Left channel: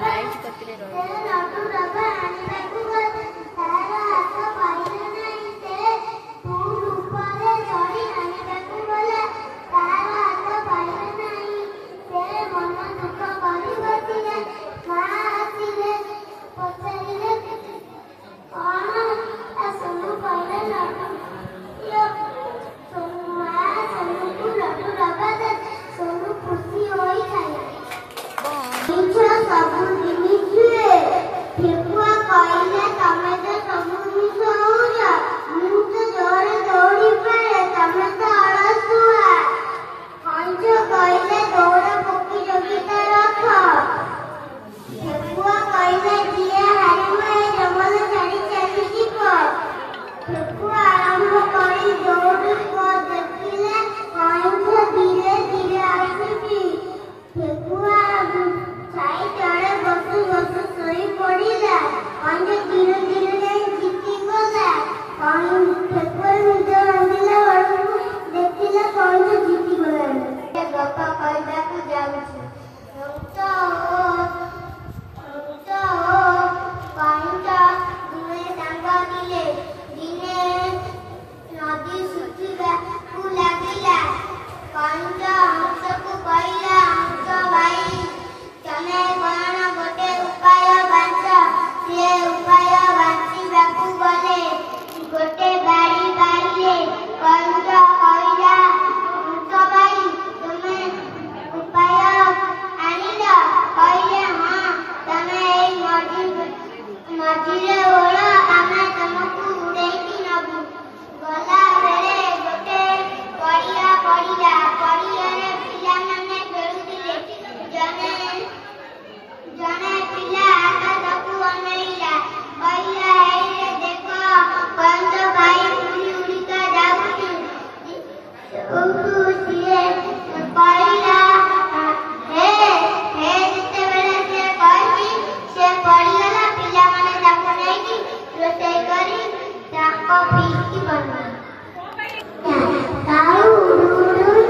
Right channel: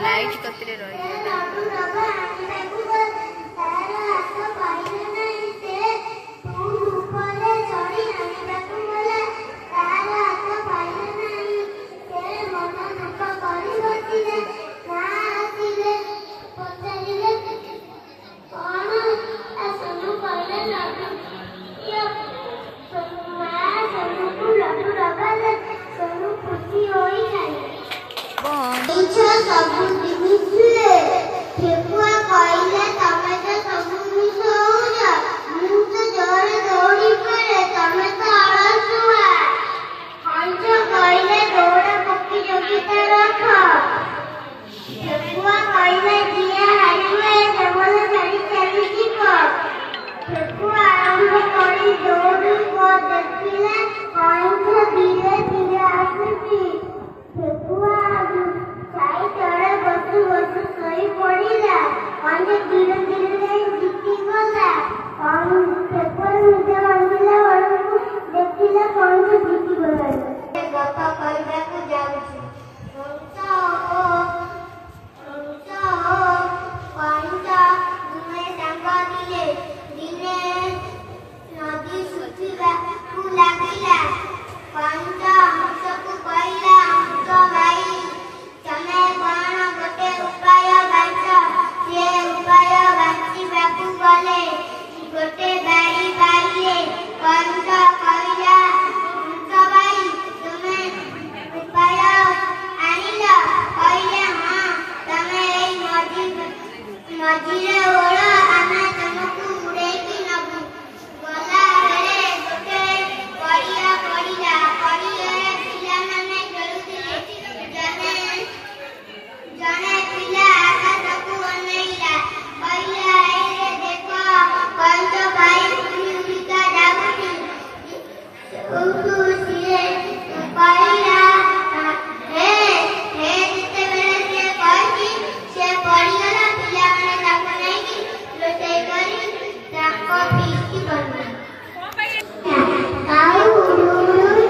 Light कतरे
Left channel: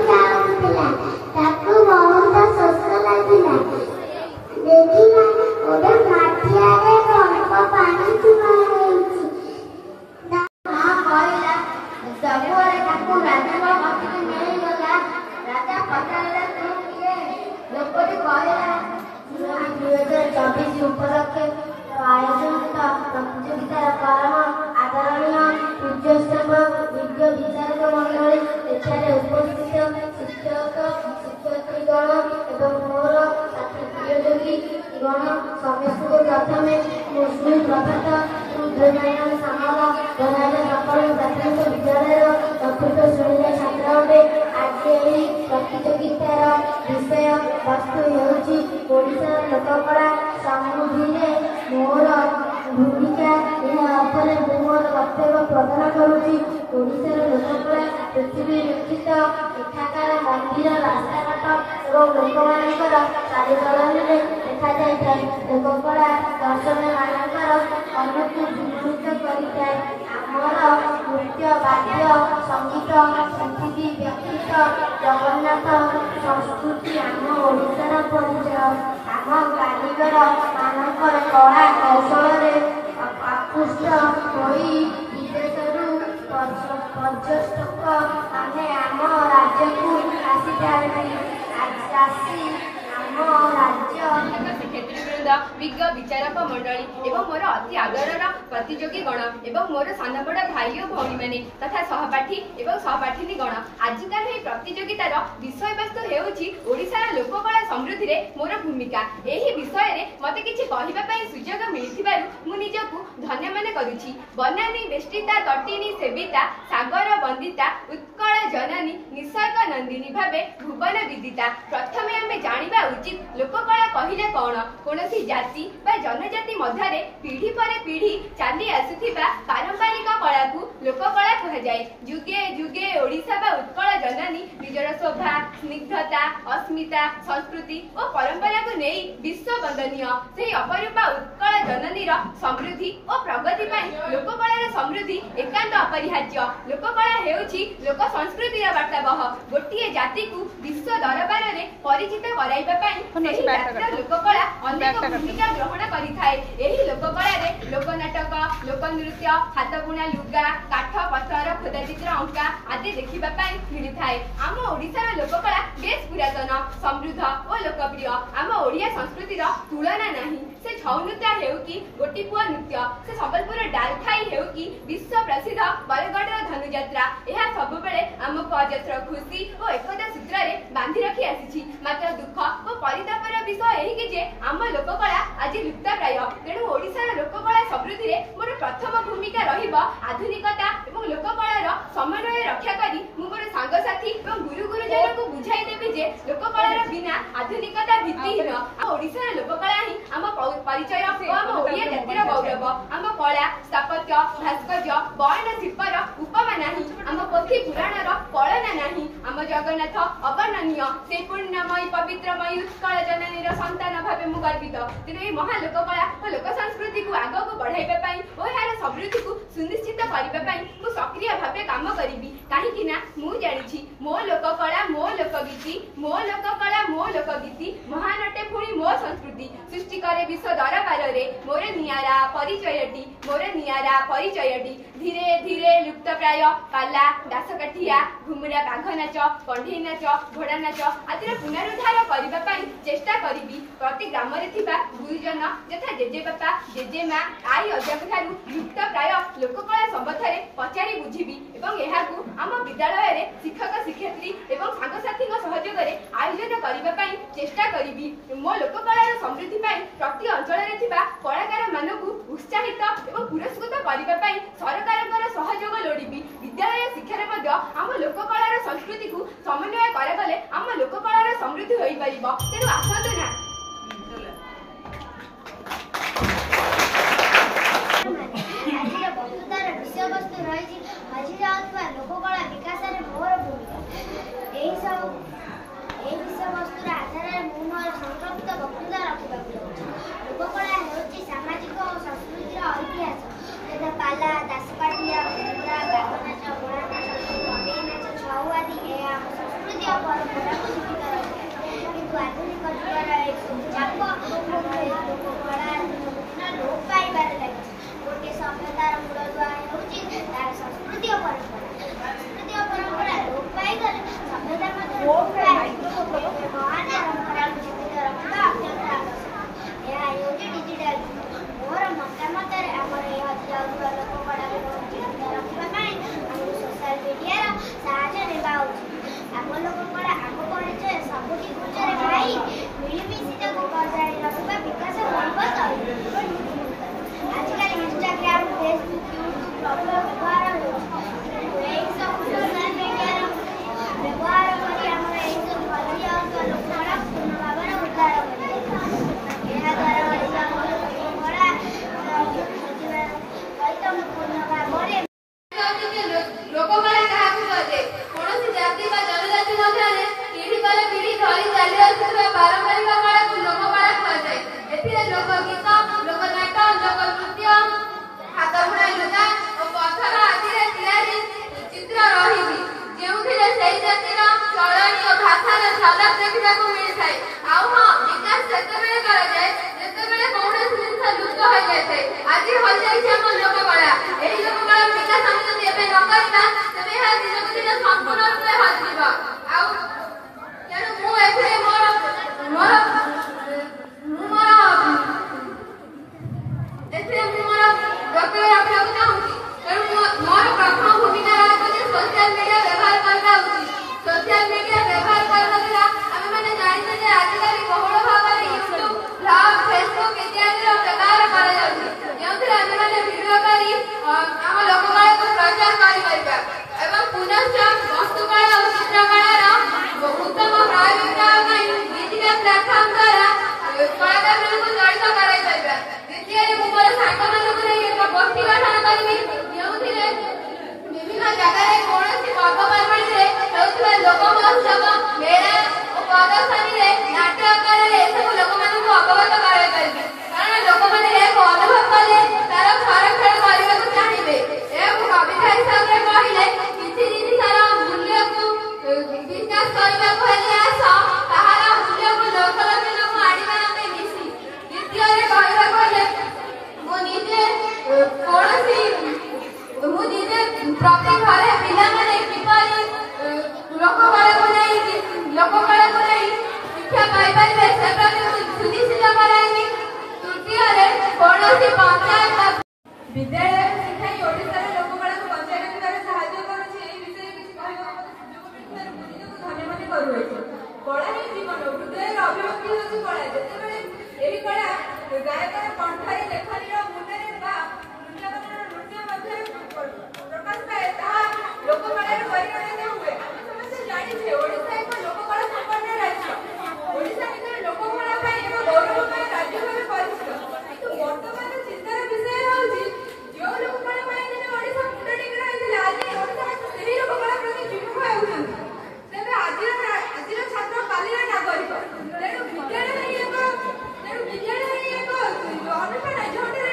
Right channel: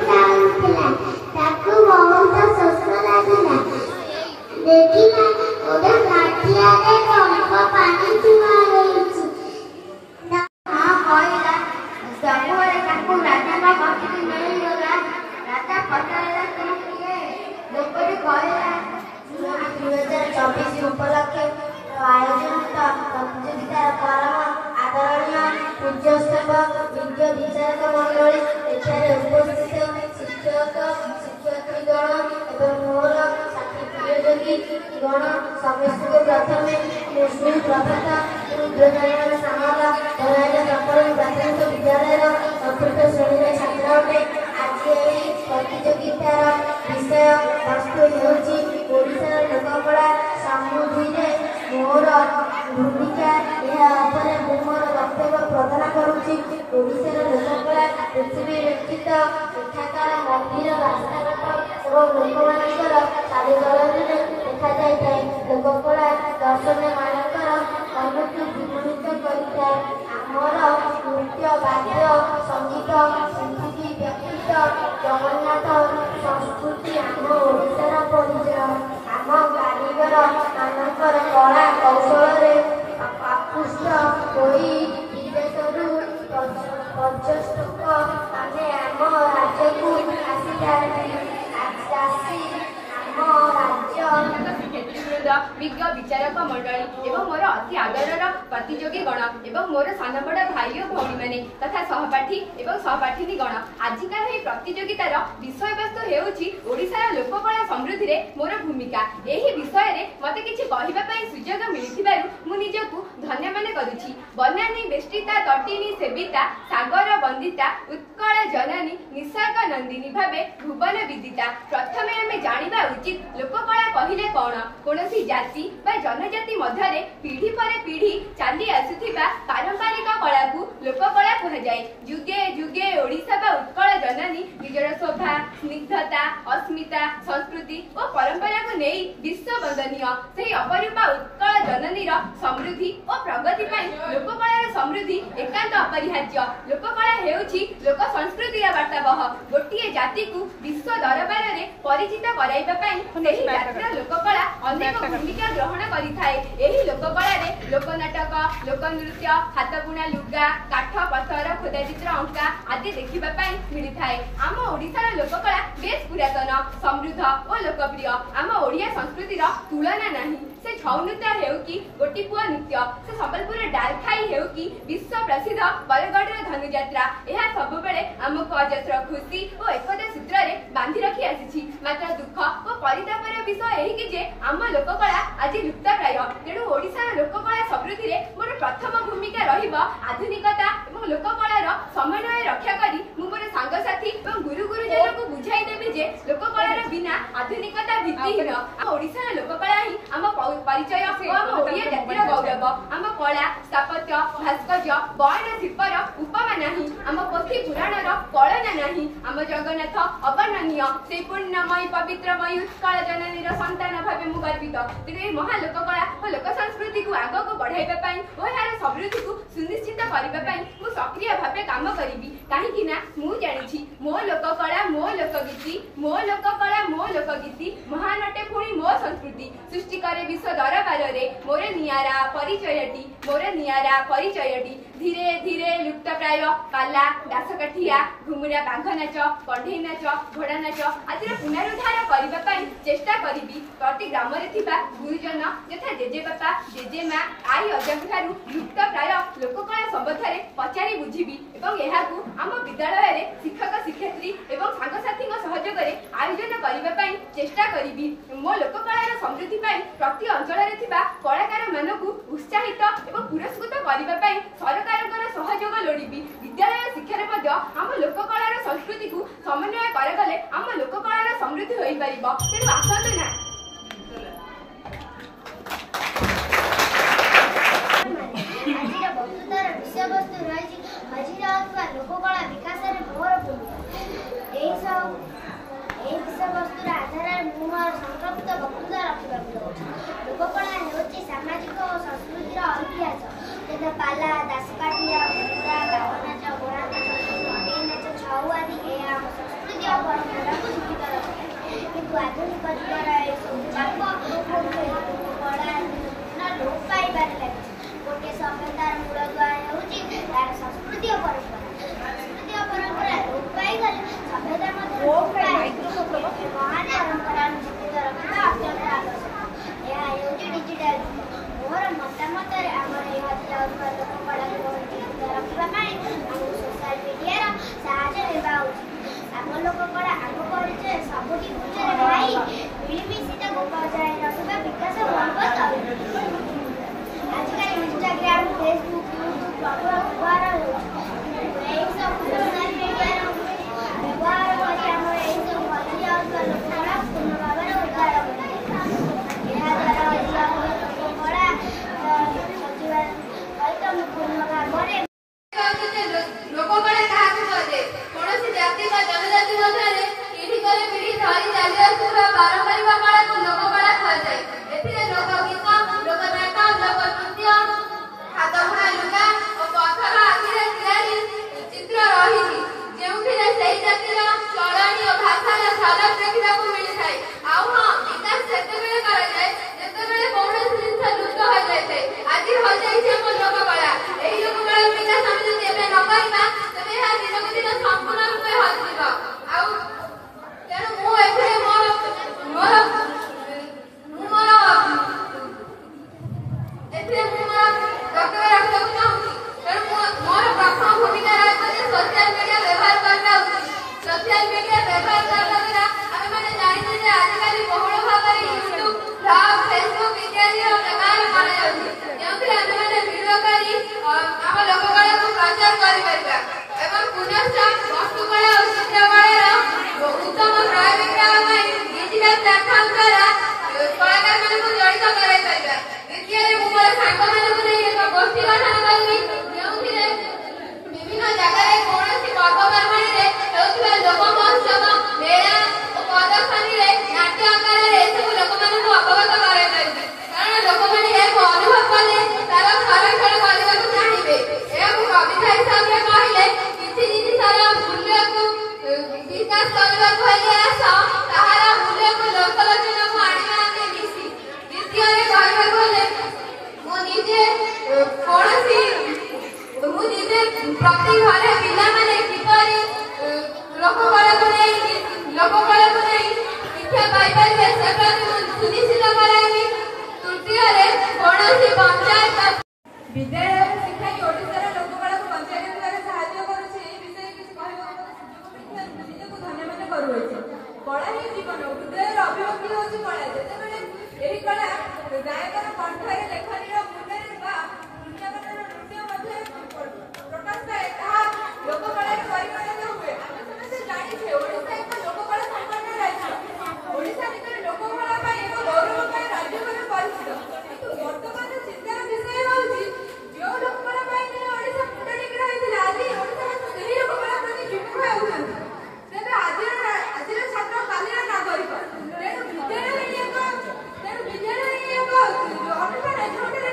Tahu କିଛି ମିଳିଗଲା। ରାଜା ପଚାରିଲା ତୁ କିଏ? ଲୋକଟି କହିଲା 2024 ଉପଲକ୍ଷେ ଆୟୋଜିତ ପ୍ରତିଯୋଗିତାର କାରଣ ଆଦରଣୀୟ ପୂଜ୍ୟସ୍ତମ୍ଭ ବିଜ୍ଞ ବିଚାରକ ମଣ୍ଡଳୀ, ଏଠାରେ ଉପସ୍ଥିତ ଶିକ୍ଷକ ଶିକ୍ଷୟିତ୍ରୀଗଣ ଏବଂ ମୋର ସାଥୀ ପ୍ରିୟଯୋଗୀ ଗଣ ସମସ୍ତଙ୍କୁ ପ୍ରଥମେ ସୁପ୍ରଭାତ। ସାମଲ ଧରାଇଲେ ସକାଳ ପ୍ରାଥମିକ ବିଦ୍ୟାଳୟର ଚତୁର୍ଥ ଶ୍ରେଣୀର ଛାତ୍ର ଅଟେ। ଆଜି ଏହି ପ୍ରତିଯୋଗିତାର ବିଷୟ ବସ୍ତୁ ହେଉଛି ଓଡ଼ିଶାର ଲୋକକଳା ସମୃଦ୍ଧିରେ ମୋର ଭୂମିକା। ଏହା ଉପରେ ମୁଁ ମୋର ବକ୍ତବ୍ୟ ପ୍ରଦାନ କରୁଛି। ଓଡ଼ିଶାର ଲୋକକଳା ପୃଥିବୀ ବିକ୍ଷିତ। ଏଠାକାର ମନ୍ଦିର, ରାସ୍ତାଘାଟ ଏବଂ ଲୋକମାନଙ୍କର ଚାଲିଚଳନରେ ଦେଖାଯାଇଥାଏ। ଲୋକକଳା ଦର୍ଶନୀୟମାନଙ୍କର ମନକୁ ବିମୋହିତ କରିଥାଏ। ଆମର ନୃତ୍ୟ, ବାଦ୍ୟ, ସଙ୍ଗୀତ, ସଂସ୍କୃତି ବ୍ୟତୀତ ଜଗନ୍ନାଥ ସଂସ୍କୃତି ଆମ ଓଡ଼ିଶାର ପରିଚୟ। ଆମ କାରିଗର ମାନଙ୍କର କଳା କୌଶଳରେ ଆକୃଷ୍ଟ ହୋଇ ବିଦେଶରୁ ପର୍ଯ୍ୟଟକ ମାନେ ଆମ ରାଜ୍ୟକୁ ଆସିଥାନ୍ତି। ଆସି ଆମ ରାଜ୍ୟ ଶିକ୍ଷୟିତ୍ରୀବୃନ୍ଦ, ବିଜ୍ଞ ବିଚାରକ ମଣ୍ଡଳୀ ଏବଂ ମୋର ଅତି ଆଦରର ପ୍ରତିଯୋଗୀ ଗଣ ଏବଂ ମୋର ସାନ ବଡ଼ ଭାଇ ଓ ଭଉଣୀମାନେ ତଥା ସହପାଠୀ ଏବଂ ସହପାଠିନୀ ଗଣ, ଆଜିକାର ଏହି ପ୍ରତିଯୋଗିତାର ବିଷୟବସ୍ତୁ ହେଉଛି ଓଡ଼ିଶାର ଲୋକକଳା ସମୃଦ୍ଧିରେ ମୋର ଭୂମିକା। ଏହି ବିଷୟରେ ମୋତେ କିଛି କହିବା ପାଇଁ ସୁଯୋଗ ମିଳିଥିବାରୁ ମୁଁ ନିଜକୁ ଧନ୍ୟ ମନେ କରୁଛି। ବନାନୀ ବେଷ୍ଟିତା ତଟିନୀ ସେବିତା ସାଗର ବନ୍ଦିତା ଉତ୍କଳ ଜନନୀ ନିସର୍ଗ ନନ୍ଦିନୀ ଭାବେ ଭୁବନ ବିଦିତା। ପ୍ରଥମେ ଆମେ ଜାଣିବା ଉଚିତ ଲୋକକଳା କହିଲେ କ'ଣ? କୌଣସି ଜାତି ବା ଜନଜାତି ମଧ୍ୟରେ ପିଢ଼ି ପରେ ପିଢ଼ି ଚାଲି ଆସୁଥିବା ପାରମ୍ପରିକ କଳାକୁ ଲୋକକଳା କୁହାଯାଏ। ଯୁଗେ ଯୁଗେ ଓଡ଼ିଶା ବା ଉତ୍କଳ ଜନନୀ ନିଜର ଶୋଭା, ସ୍ନିଗ୍ଧତା, ଅସ୍ମିତା, ସଂସ୍କୃତି ଓ ପରମ୍ପରାକୁ ନେଇ ବିଶ୍ୱ ବନ୍ଦନୀୟ। ସେହି ଅପରୂପା ଉତ୍କଳ ଜନନୀର ସମୃଦ୍ଧି ଓ ପ୍ରଗତି ପାଇଁ ଲୋକକଳାର ସମୃଦ୍ଧି ଏକାନ୍ତ ଅପରିହାର୍ଯ୍ୟ। ଲୋକକଳା ହେଉଛି ଲୋକ ସଂସ୍କୃତିର ବାର୍ତ୍ତାବହ। ଗୋଟିଏ ଜାତିକୁ ବିଶ୍ୱ ଦରବାରରେ ପରିଚିତ କରାଇବା ପାଇଁ ସେହି ଜାତିର ଲୋକକଳା ଅନେକ ଭୂମିକା ଗ୍ରହଣ କରିଥାଏ। ଏହି ଲୋକକଳାରେ ଲୋକନାଟକ, ଲୋକନୃତ୍ୟ, ହାତବୁଣା ଲୁଗା, କାଠ ପଥର ଖୋଦା ଚିତ୍ର ଅଙ୍କା ଆଦି ଦେଖିବା ପାଇଁ ମିଳିଥାଏ। ଆମ ଓଡ଼ିଶାର ଲୋକକଳା ବେଶ ପୁରାତନ, ସମୃଦ୍ଧ ଓ ଲୋକପ୍ରିୟ। ଆମ ଓଡ଼ିଆ ସଂସ୍କୃତିର ତୁଳନା ନାହିଁ। ସେ ଛଉ ନୃତ୍ୟ ହେଉ କି ଗୋଟିପୁଅ ନୃତ୍ୟ, ସେ ସମ୍ବଲପୁର ଡାଲଖାଇ ହେଉ କି ବିଶ୍ୱ ପ୍ରସିଦ୍ଧ ବରଗଡ଼ର ଧନୁଯାତ୍ରା, ଏହା ସବୁବେଳେ ଆମକୁ ଅଜସ୍ର ଖୁସି ଓ ଏକତା ସୂତ୍ରରେ ବାନ୍ଧି ରଖି ଆସିଛି। ମାତ୍ର ଦୁଃଖ ଓ ପରିତାପର ବିଷୟ ଏହିକି ଯେ ଆମ ଲୋକକଳା ଆଜି ଲୁପ୍ତପ୍ରାୟ। ତେଣୁ ଓଡ଼ିଶାର ଲୋକକଳା ସମୃଦ୍ଧିରେ ମୋର ପ୍ରଥମ ଭୂମିକା ରହିବ ଆଧୁନିକତା ଏବଂ ଲୋକକଳାର ସମନ୍ୱୟ ରକ୍ଷା କରି ମୁଁ ମୋର ସାଙ୍ଗସାଥୀ ଏବଂ ଗୁରୁ ଗୁରୁଜନଙ୍କୁ ବୁଝାଇ ଦେବି ଯେ ଲୋକକଳାର ବିନା ଆଧୁନିକତା ଭିତ୍ତିହୀନ। ଆମ ଓଡ଼ିଶାର ଲୋକକଳା ହିଁ ଆମ ପରିଚୟ ଓ ଆମ ଓଡ଼ିଆ ଜାତିର ଗୌରବ। ଆମ କଳା, ସ୍ଥାପତ୍ୟ, ଭାସ୍କର୍ଯ୍ୟ, ବୟନ ଶିଳ୍ପର ଉପମା ନାହିଁ। ଆମ ପୋଥି ପୁରାଣର କଳନା ନାହିଁ। ଆମ ଜଗନ୍ନାଥ ଅବର୍ଣ୍ଣନୀୟ। ସେ ପୂର୍ଣ୍ଣମୟୀ ପବିତ୍ରମୟୀ ଉତ୍କଳ ଜନନୀର ସନ୍ତାନ ଭାବେ ମୁଁ ଗର୍ବିତ। ତେଣୁ ଏହି ମହା ଲୋକକଳା ଓ ଲୋକ ସଂସ୍କୃତିକୁ ଆଗକୁ ବଢ଼ାଇବା ପାଇଁ ଓ ଏହାର ସମୃଦ୍ଧିକୁ ସୁନିଶ୍ଚିତ କରିବା ପାଇଁ ମୁଁ ସକ୍ରିୟ ଭାବେ କାମ କରିବି। କାହିଁକି ନା ମୁଁ ଜାଣିଛି ମୋ ଲୋକକଳା ମୋ ଲୋକଗୀତି, ମୋ ଲୋକକଳା ମୋ ଲୋକଗୀତି ମହାନ ଅଟେ ପୁଣି ମୋ ସଂସ୍କୃତି। ସୃଷ୍ଟି କରେ ବିଶ୍ୱ ଦରବାରରେ ମୋର ନିଆରା ପରିଚୟଟି, ମୋର ନିଆରା ପରିଚୟଟି। ଧୀରେ ଧୀରେ ଲୁପ୍ତପ୍ରାୟ ପାଲା, ଦାସକାଠିଆ, ଘୁମୁରା, ବାଘ ନାଚ, କଣ୍ଢେଇ ନାଚ, ଘୋଡ଼ା ନାଚ ଆଦିର ପୁନରୁଦ୍ଧାର କରିବା ପାଇଁ ଚେଷ୍ଟା କରିବି। ପ୍ରତି ଗ୍ରାମରେ ଥିବା ଗୁରୁଜନ ଯଥା ଜେଜେବାପା, ଜେଜେମା, ଆଈ ଅଜାଙ୍କ ଠାରୁ ଲୁପ୍ତପ୍ରାୟ ଲୋକକଳା ସମ୍ବନ୍ଧରେ ପଚାରି ବୁଝିବି ଏବଂ ଏହାକୁ ଆମ ବିଦ୍ୟାଳୟରେ ଶିକ୍ଷକ ଶିକ୍ଷୟିତ୍ରୀ ଏବଂ ସାଙ୍ଗସାଥୀଙ୍କ ସହଯୋଗରେ ଆୟୋଜନ କରିବା ପାଇଁ ଚେଷ୍ଟା କରିବି। ମୋ ଲୋକକଳାର ସମୃଦ୍ଧି ପାଇଁ ପ୍ରତି ଅଞ୍ଚଳରେ ଥିବା କଳାକାରମାନଙ୍କୁ ଉତ୍ସାହିତ ଏବଂ ପୁରସ୍କୃତ କରିବା ପାଇଁ ସରକାରଙ୍କର ସହଯୋଗ ଲୋଡ଼ିବି। ବିଦ୍ୟାଳୟ ଶିକ୍ଷାରେ ମଧ୍ୟ ଆମ ଲୋକକଳାର ସଂସ୍କୃତିକୁ ସମନ୍ୱୟ କରାଗଲେ ଆମ ଲୋକକଳାର ସମୃଦ୍ଧି ହୋଇପାରିବ। ତେଣୁ ଆସନ୍ତୁ ନା। ଆଜିର ବକ୍ତୃତାର ବିଷୟବସ୍ତୁ ରହିଛି ହଜିଯାଉଥିବା ଲୋକକଳା ବିକାଶରେ ମୋର ଭୂମିକା। ଏହି ବିଷୟବସ୍ତୁର ଆଧାରରେ ମୁଁ ମୋର ସଂକ୍ଷିପ୍ତ ବକ୍ତୃତା ରଖିବାକୁ ଯାଉଛି। ଲୋକକଳା ହେଉଛି ସାମାଜିକ ଓ ସଂସ୍କୃତିର ଇତିହାସ, ଯଥା ପାଲା, ଦାସକାଠିଆ, ଘୁମୁରା, ବାଘ ନାଚ, ଘୋଡ଼ା ନାଚ, କଣ୍ଢେଇ ନାଚ, ଛଉ ଆଦି। ଏହା ଆମ ସଂସ୍କୃତି ଓ ପରମ୍ପରାକୁ ଜୀବିତ ରଖିଥାଏ। କିନ୍ତୁ ଆଧୁନିକ ଯୁଗର ଏସବୁ ଚାପ ଲୋକକଳା ଲୋପ ପାଇବାରେ ଲାଗିଛି। ଗୋଟିଏ ସଭ୍ୟତାର ମୂଳଦୁଆ ହେଉଛି ତାର ସଂସ୍କୃତି ଓ ପରମ୍ପରା। ସଂସ୍କୃତି ଓ ପରମ୍ପରା ଲୋପ ପାଇଗଲେ ସଭ୍ୟତା ମଧ୍ୟରେ ମହାନ ପରମ୍ପରା ଜୀବିତ ରଖିବା ଅତ୍ୟନ୍ତ ଆବଶ୍ୟକ। ଏହା ହେଉଛି ଡିଜିଟାଲ ଯୁଗ। ମୋର ମତାମତରେ ଆମର ଏହି ହଜି ଯାଉଥିବା ଲୋକ କଳାକୁ ଜୀବିତ ରଖିବା ପାଇଁ ଆମକୁ ସୋସିଆଲ ମିଡିଆର ସାହାଯ୍ୟ ନେବା ଉଚିତ। ଆମ ଲୋକ କଳା ଆମ ପରିଚୟ ସବୁଠି ପୂଜାରେ ଖାଇ ମିଳିମିଶି ତାକୁ ବଜାୟ ରଖିବା ବିକାଶ ମୂଳକ ତୈଳ। ଆଜିକାଲି ଇନଷ୍ଟାଗ୍ରାମ, ଫେସବୁକ୍, ୟୁଟ୍ୟୁବ ପ୍ରବଳ ବ୍ୟବହାର ହେଉଛି। ଏହିସବୁ ସୋସିଆଲ ମିଡିଆର ବ୍ୟବହାର କରି ଆମର ଏହିସବୁ ହଜି ଯାଉଥିବା ଲୋକ କଳା ପୂର୍ଣ୍ଣ ଭାବରେ ଉଦ୍ଧାର କରିବେ। ଏହାଦ୍ୱାରା ହଜି ଯାଉଥିବା ଲୋକ କଳା ସଜିବା ସହିତ ପୂର୍ଣ୍ଣ ଭାବରେ ଲୋକକଳା କାହାକୁ କୁହାଯାଏ? କୌଣସି ଜାତି ବା ଜନଜାତି ମଧ୍ୟରେ ପିଢ଼ି ପରେ ପିଢ଼ି ଧରି ଚାଲି ଆସୁଥିବା ପାରମ୍ପରିକ କଳାକୁ ଲୋକକଳା କୁହାଯାଏ। ଏଥିରେ ଲୋକଗୀତ, ଲୋକନାଟ, ଲୋକନୃତ୍ୟ, ହାତବୁଣା ଲୁଗା ଓ ପଥର ଆଦିରେ ତିଆରି ଚିତ୍ର ରହିଛି, ଯେଉଁଥିରେ ସେହି ଜାତିର ଚଳଣି ଓ ଭାଷାର ଝଲକ ଦେଖିବାକୁ ମିଳିଥାଏ। ଆଉ ହଁ, ବିକାଶ ସେତେବେଳେ କରାଯାଏ ଯେତେବେଳେ କୌଣସି ଜିନିଷ ଲୁପ୍ତ ହୋଇଯାଇଥାଏ। ଆଜି ହୋଇଯାଇଛି ଆମ ଲୋକକଳା। ଏହି ଲୋକକଳାର ବିକାଶ ଆମେ ଯଦି ଏବେ ନ କରିବା ତେବେ ଏହା ଦିନକୁ ଦିନ ସମ୍ପୂର୍ଣ୍ଣ ରୂପେ ହଜିଯିବ। ଆଉ ତେଣୁ ମୁଁ ଏଥିରେ ମୋର ବକ୍ତବ୍ୟ ରଖିବାକୁ ଚାହୁଁଛି। ତେଣୁ ମୋର ପ୍ରଥମ ଭୂମିକା ରହିଛି ଯେ ସୋସିଆଲ ମିଡିଆ ବ୍ୟବହାର କରିବା ଉଚିତ। ସୋସିଆଲ ମିଡିଆ ବ୍ୟବହାର କରିବା ଦ୍ୱାରା ଆମେମାନେ ଜାଣିଛେ ଯେ ଆଜିକାଲି ବହୁଳ ଭାବରେ ୟୁଟ୍ୟୁବ, ବ୍ଲଗ, ଫେସବୁକ୍ ଇତ୍ୟାଦିର ବ୍ୟବହାର କରାଯାଉଛି, ଯେଉଁଥିରେ ଆମେମାନେ ଭିଡ଼ିଓ କରି ଆମ ଲୋକକଳାକୁ ପ୍ରଚାର କରିପାରିବା ଏବଂ ପୁନଶ୍ଚ ବସ୍ତୁକଳା ଓ ଚିତ୍ରକଳାର ଉତ୍ତମ ପ୍ରୟୋଗ କରିବା ପାଇଁ ଡିଜିଟାଲ ପ୍ଲାଟଫର୍ମ ଦ୍ୱାରା କଳାକାରମାନଙ୍କୁ ଜଡ଼ିତ କରାଇପାରିବା। ଦ୍ୱିତୀୟରେ ମୁଁ ମୋର ସାଙ୍ଗମାନଙ୍କୁ ନେଇ ଏକ ଗୋଷ୍ଠୀ ଗଠନ କରିବି, ଯେଉଁଥିରେ ବିଭିନ୍ନ ଜାଗାରେ କୌଣସି ପର୍ବପର୍ବାଣିରେ ହେଉଥିବା ଲୋକ ମହୋତ୍ସବ, ମେଳା ଓ ପ୍ରଦର୍ଶନୀରେ ନାଟ୍ୟ ଆକାରରେ ଏସବୁ ଲୋକମାନଙ୍କୁ ଅବଗତ କରାଇପାରିବି। କାରଣ ଲୋକମାନେ ଏହାକୁ ଅନୁଭବ କଲେ ତାର ସଂରକ୍ଷଣ କରିବାକୁ ଚାହିଁବେ। ଏହାକୁ କବିତା ହିସାବରେ କହିଲେ କିଛି ଜିନିଷର ମୂଲ୍ୟକୁ ବିକାଶ କରିବାକୁ ହେଲେ ଆସ ତାହାର ମୂଲ୍ୟକୁ ଲୋକଲୋଚନକୁ ଆଣିବା ଆମେ ମିଶି। ଦ୍ୱିତୀୟରେ କହିବାକୁ ହେଲେ ମୁଁ ନିଜେ ପ୍ରତି ଘରେ ପିଲାମାନେ କିପରି ଲୋକକଳାକୁ ନେଇ ଶିକ୍ଷା ପାଇପାରିବେ ସେ ପ୍ରତି ମୁଁ ସୁନିଶ୍ଚିତ କରାଇବି। ତୃତୀୟରେ କୌଣସି ପଞ୍ଚାୟତ ବିଦ୍ୟାଳୟରେ ଶିଖାଇ ଓଡ଼ିଶାର ଲୋକକଳାକୁ ବଜାୟ ରଖିବାରେ ସାହାଯ୍ୟ କରୁଛି। ଏହି ବିଷୟରେ କିଛି କହିବାକୁ ମୁଁ ନିଜକୁ ଧନ୍ୟ ମନେ କରୁଅଛି। କଳା ହିଁ ଜୀବନ, ହୃଦୟର ଅଭିବ୍ୟକ୍ତି ହେଉଛି କଳା। ଯେତେବେଳେ ଏହି କଳା ଗାୟକର କଣ୍ଠରେ, ଲେଖନୀର ମୁଣ୍ଡରେ ବା ନୃତ୍ୟମାନର ନୃତ୍ୟ ମଧ୍ୟରେ ପ୍ରକାଶ ପାଏ, ତାହା ଲୋକକଳାରେ ପରିଗଣିତ ହୁଏ। ଆମେ ସମସ୍ତେ ଜାଣିଛେ ଓଡ଼ିଶା ଏକ ଲୋକକଳା ସମ୍ପନ୍ନ ରାଜ୍ୟ। ଓଡ଼ିଶା ନିଜର ଲୋକକଳା ପାଇଁ ଏକ ଗୌରବମୟ ରାଜ୍ୟ ଭାବେ ପରିଚିତ। କିନ୍ତୁ ବର୍ତ୍ତମାନର ଚିନ୍ତାର ବିଷୟ ହେଉଛି ଯେଉଁ ଲୋକକଳା ପାଇଁ ଦିନେ ଓଡ଼ିଶା ମୁଣ୍ଡ ଟେକି ରହିଥିଲା, ଆଜି ଓଡ଼ିଶାବାସୀ ସେହି ଲୋକକଳା ପ୍ରତି ବିମୁଖ ହେଉଛନ୍ତି। ତେବେ ଆଜିର ଛାତ୍ର କାଲିର ନାଗରିକ। ତେଣୁ ବିଦ୍ୟାଳୟ ହିଁ ଏକ ଅନୁଷ୍ଠାନ ଯେଉଁଠାରେ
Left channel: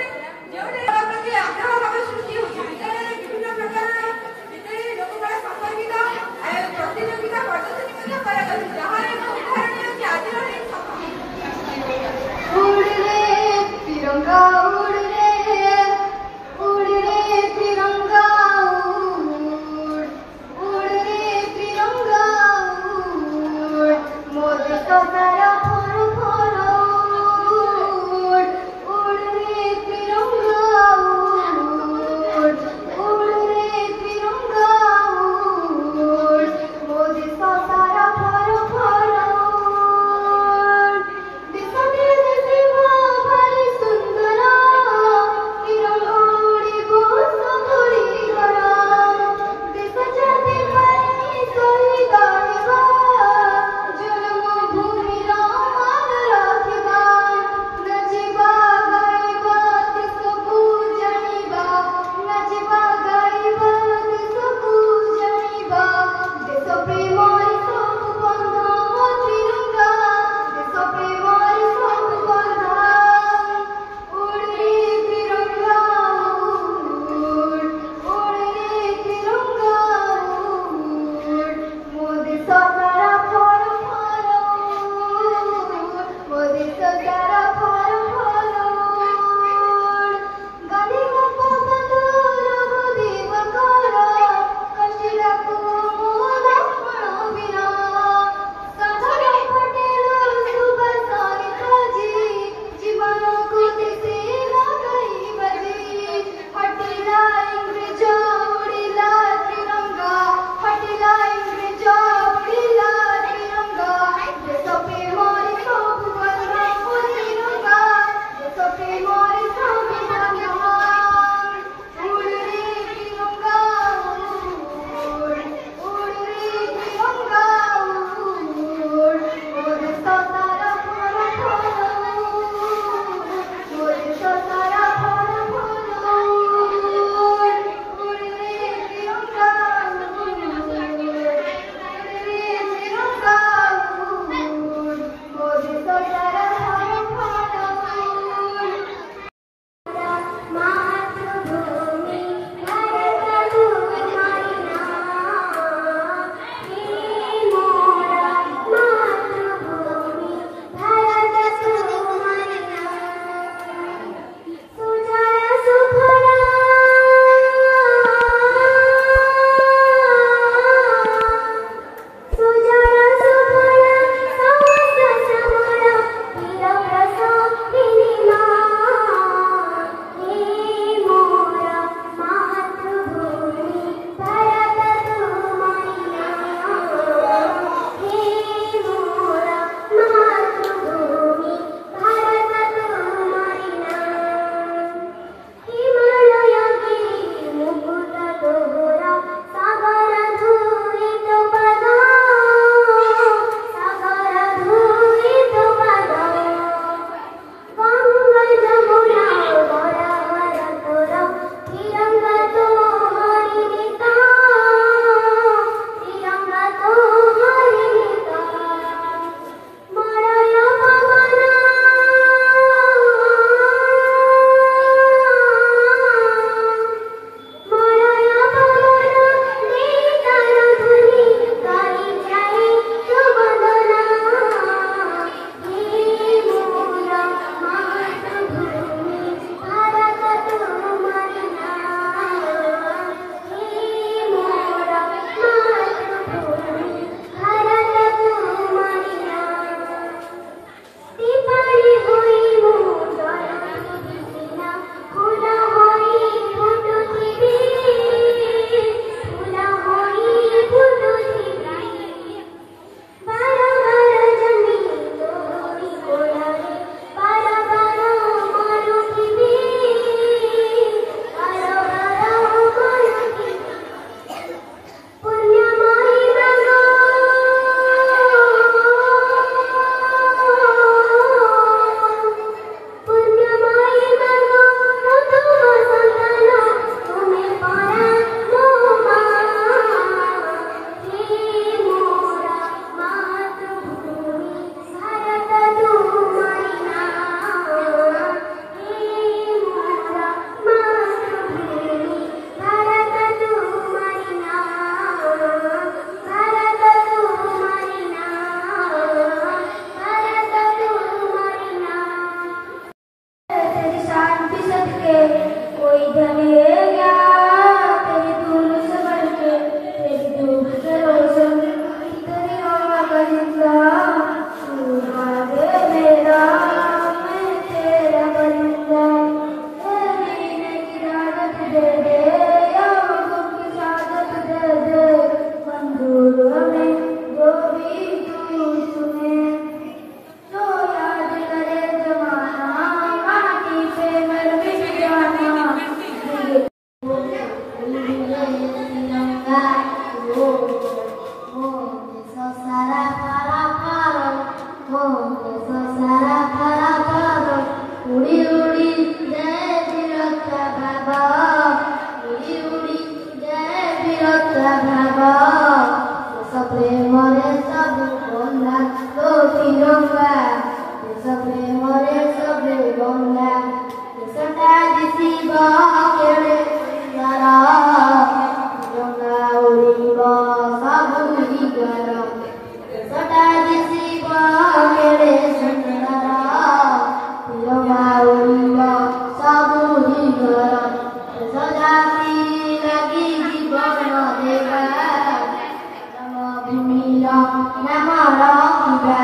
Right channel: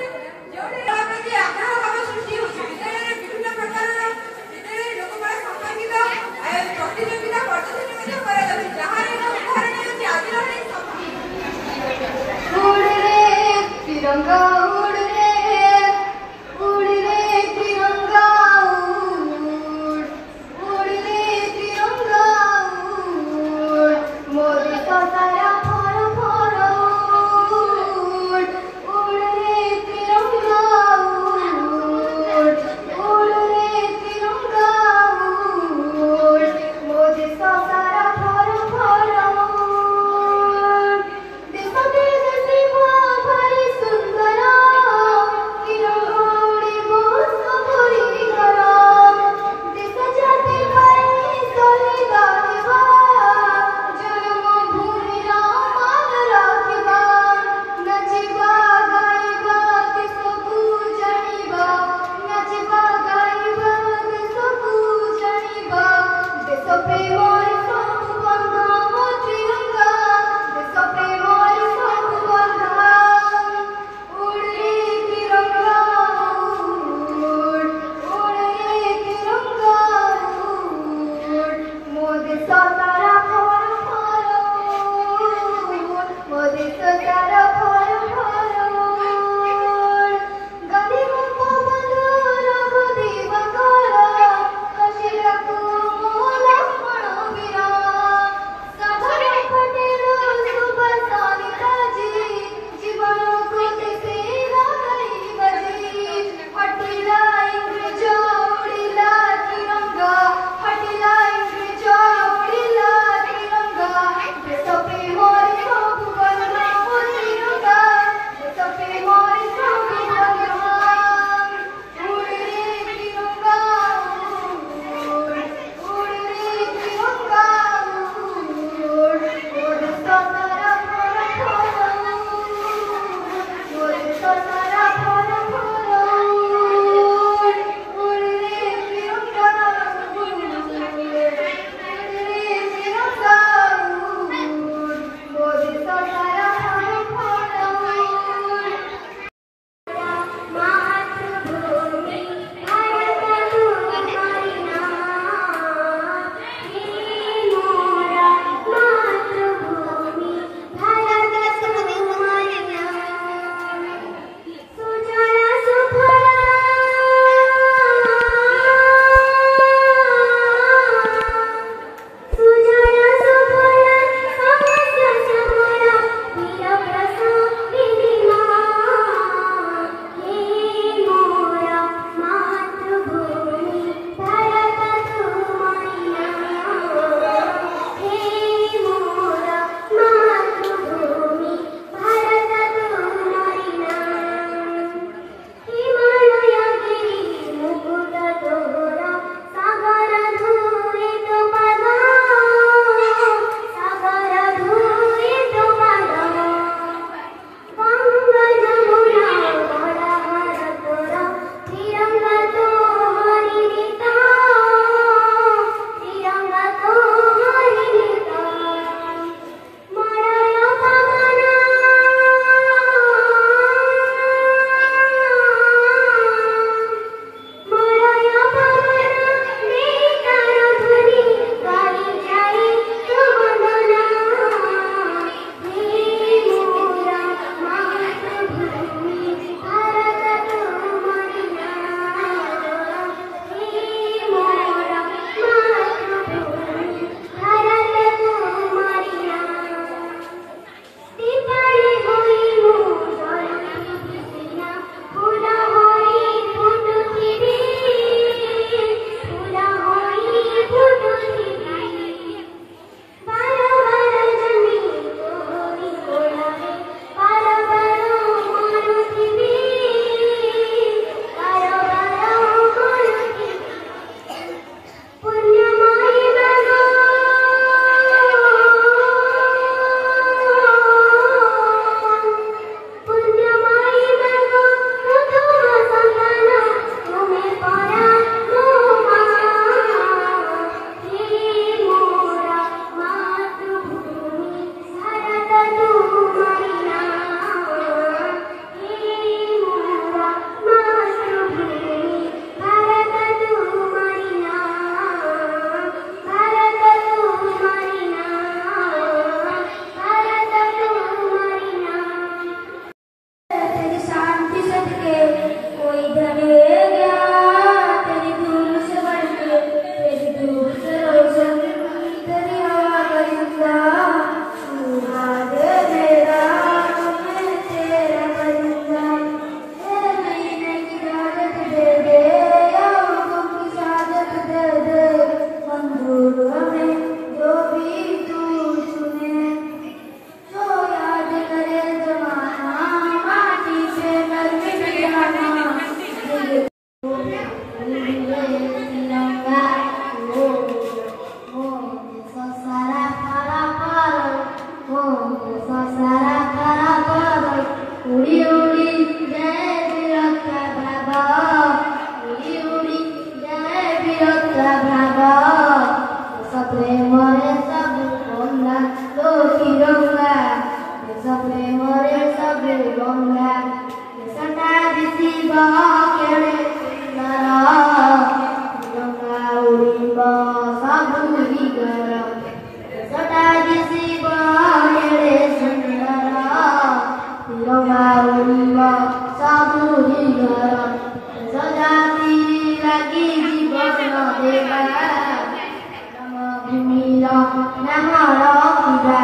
ନାମ ରଖିବା।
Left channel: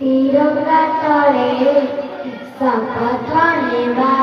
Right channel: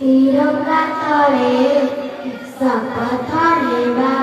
ତିରଙ୍ଗା ତଳେ ଶପଥ ନେବା।